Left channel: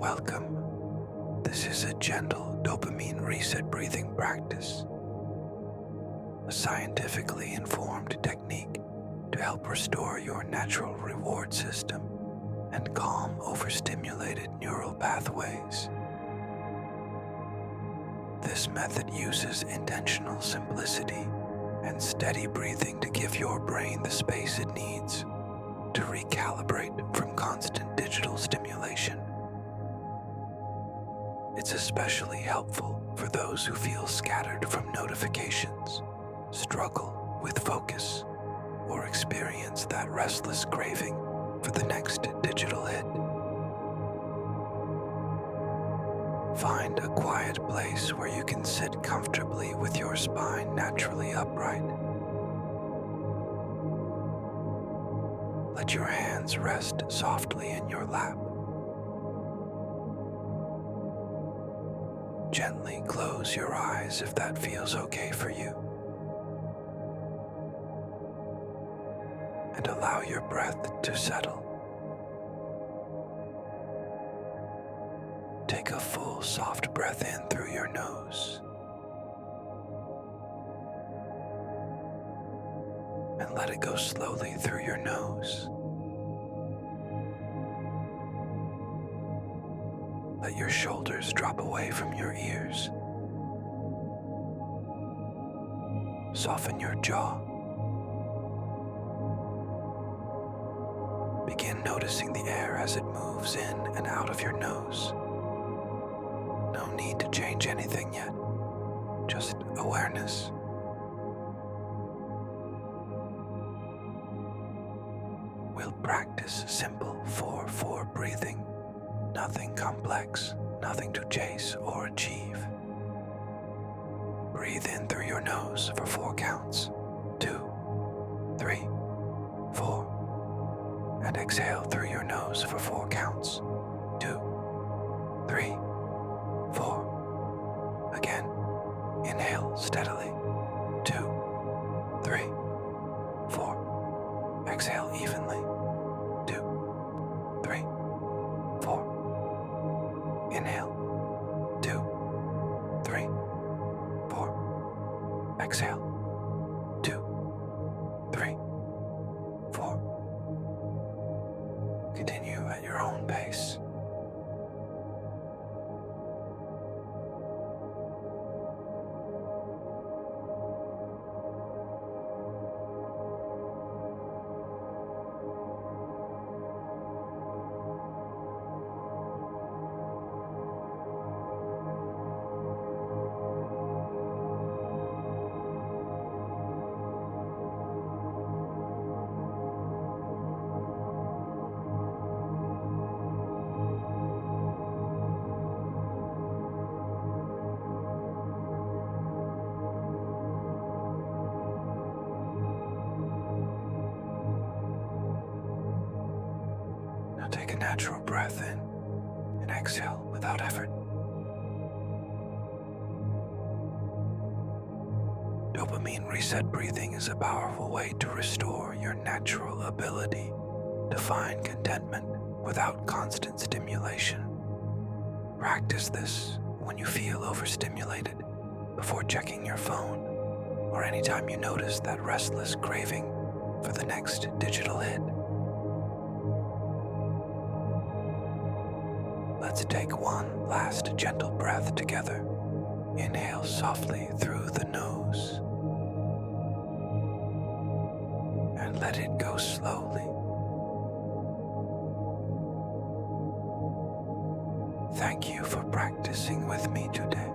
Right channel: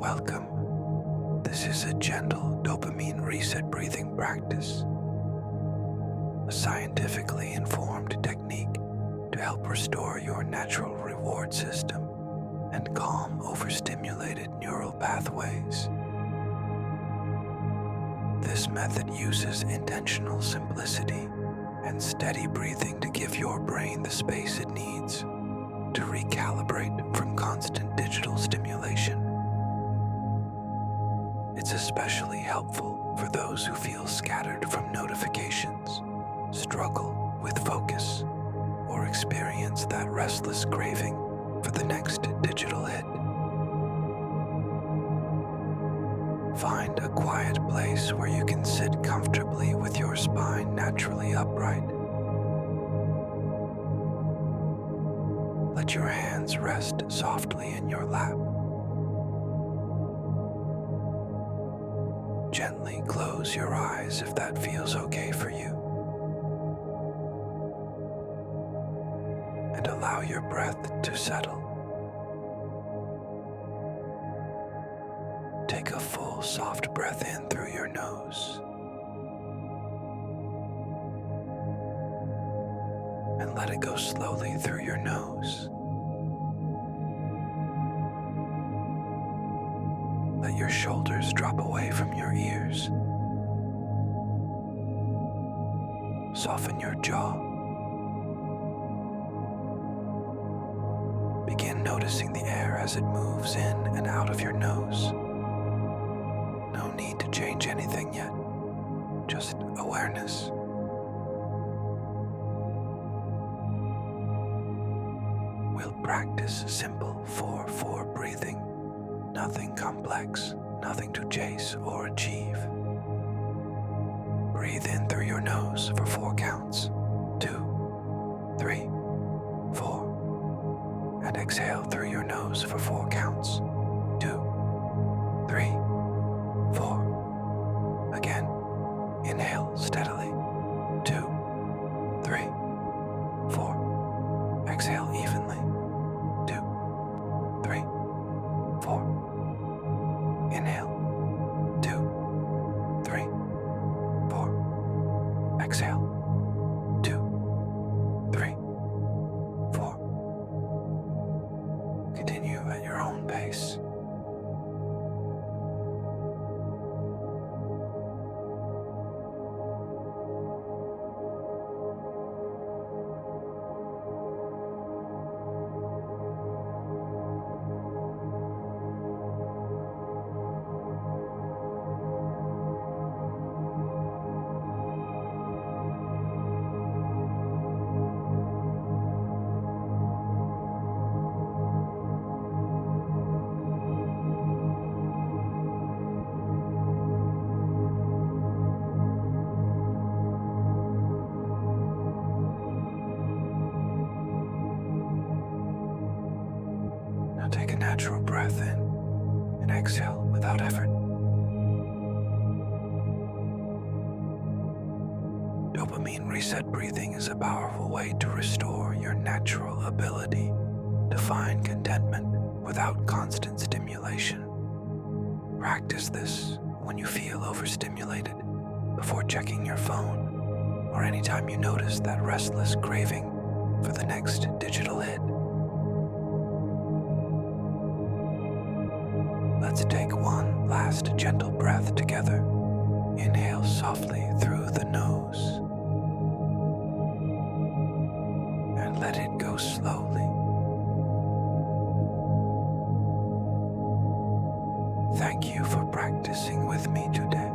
Welcome. This is a gentle dopamine reset breathing practice, a scientifically informed technique to help restore your natural reward system and calm overstimulated neural pathways. This method uses intentional simplicity and steady breathing to give your brain the space it needs to recalibrate from constant digital stimulation. It's especially helpful for those who feel scattered from notifications, struggle with focus, or experience that restless craving for the next digital hit. Find a quiet place where you can sit comfortably with your spine naturally upright. Let your hands rest softly in your lap. Gently close your eyes if that feels okay for you. And allow your breath to settle. Take a full, soft breath in through your nose. And let it go slowly through your nose. Let your shoulders drop away from your ears. Soften your jaw. Begin noticing the air as it moves in and out of your nose. No need to change anything yet, just awareness. We'll practice simple 4-4 breathing. Nothing complex, nothing to chase or achieve. Breathe in through your nose for 4 counts. 2, 3, 4. And exhale through your nose for 4 counts. 2, 3, 4. Again, inhale steadily. 2, 3, 4. Exhale evenly. 2, 3, 4. Inhale. 2, 3, 4. Exhale. 2, 3, 4. Continue at your own pace. Now take a natural breath in and exhale without effort. Dopamine reset breathing is a powerful way to restore your natural ability to find contentment without constant stimulation. Practice this when you feel overstimulated, before checking your phone, or anytime you notice that restless craving for the next digital hit. Let's take one last gentle breath together. Inhale softly through the nose. And let it go slowly. Thank you for practicing with me today.